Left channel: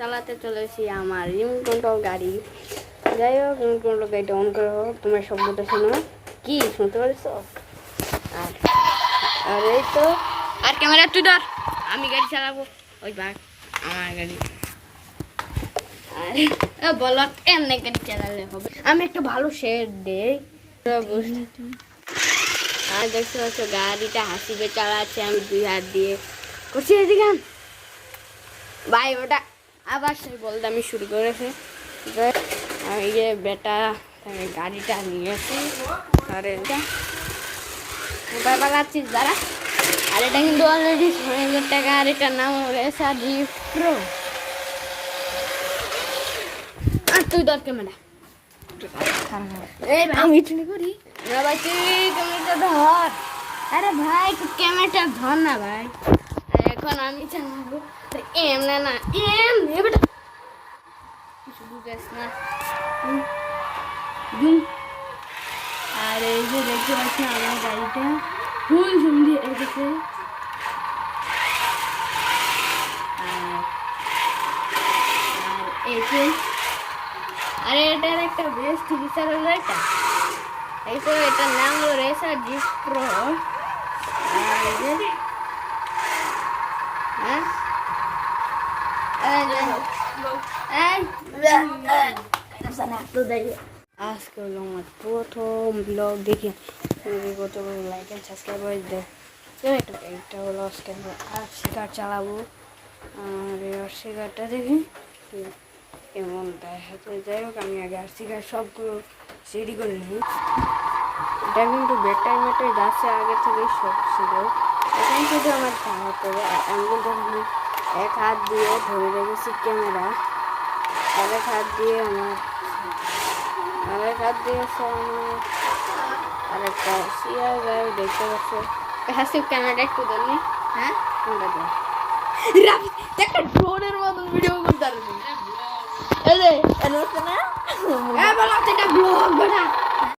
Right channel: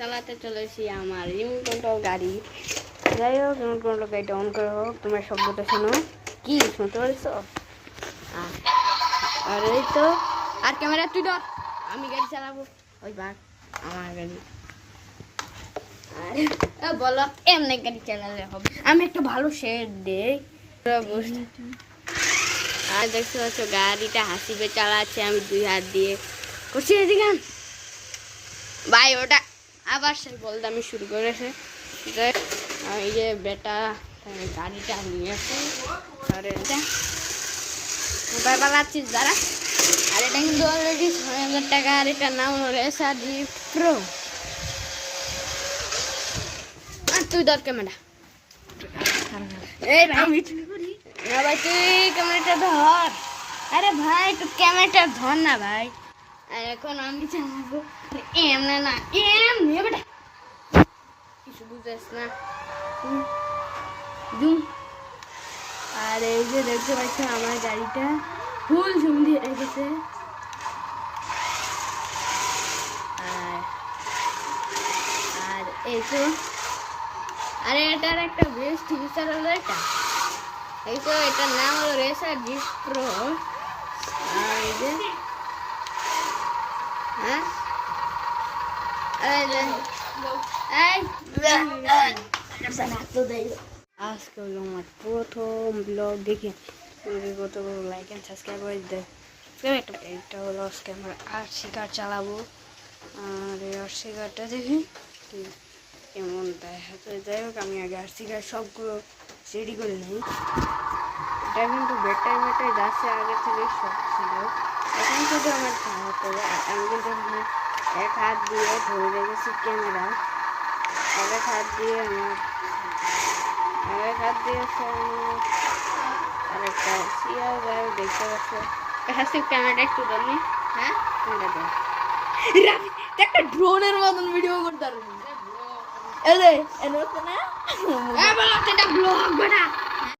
চালাতে চলেছি আমার রিমোট কন্ট্রোল গাড়ি। যাই হোক, রিমোট কন্ট্রোল গাড়িটা অন করে হোক, তোমার শব্দটা শোনো। কি শুনতে পারছো? আর এই তো, আর ক্যামেরা তুই ধর, আমি গাড়ি চালাবো। ওই বাঘ আমার গাড়ি। আর বলো এমনি গাড়ি চালালে হবে। আমি একটা ভালো শেড দেই। আর দেখতে পাচ্ছ গাড়িটা হাসিবে চালাচ্ছে, আমি দুই হাত দিয়ে করছি। এদিকে ভাই ওটা আবার সেই বলতে আমি শুরু করেছে। আমি যে বেটা গাড়িটা নিয়েছি, আরে মোবাইল পালাচ্ছিস দাঁড়া। আর এটা কিন্তু অলরেডি 6,000 টাকা। আর এটার নাম রেসার লিফট প্রো। আর তুই ধর ক্যামেরা। আমি চুরি করি না ভাই, তুই ক্যামেরাটা ধর। আরে ভাই তুই ক্যামেরাটা ধর না ভাই। এখন আমি চালাবো এমনে না, এমনে বেটা কিছু বুঝেছ না। আর এই যে দেখতে পাচ্ছি আমার গাড়িটা ফুল সুন্দর এসেছে। আর এই যে আরে এটার একটা বেস্ট ফিচার হলো এটা, এই তো এটার নাম হলো রেসার জিপ প্রো। আজকে হলো আমার প্রথম ব্লগ। দেখি কত লাইক অ্যান্ড সাবস্ক্রাইবার দেয়। একটা হলো আজকে আমরা আরসি কার চালাবো। আর এই আরসি কারটা দেখি কেমন দেখা যায়। যাই হোক, আমি আগে আরসি কার সবগুলো রেডি করে নিই। এটা কিন্তু বেটার গাছে আগে থেকে সব ছিল, এখন শুধু আমার চালাতে হবে। আমি কিন্তু এক হাত দিয়ে ধরে রেখেছি ক্যামেরা, আরেক হাত দিয়ে আছে আমার আরেকটা সিয়া গাড়ি দেখতে পাচ্ছে। হাসি ক্যামেরাটা একটু ধরনি। হ্যাঁ ক্যামেরাটা একটা ড্রোনের মতন ভিডিও করতে পারবি। ব্লগ বেটা।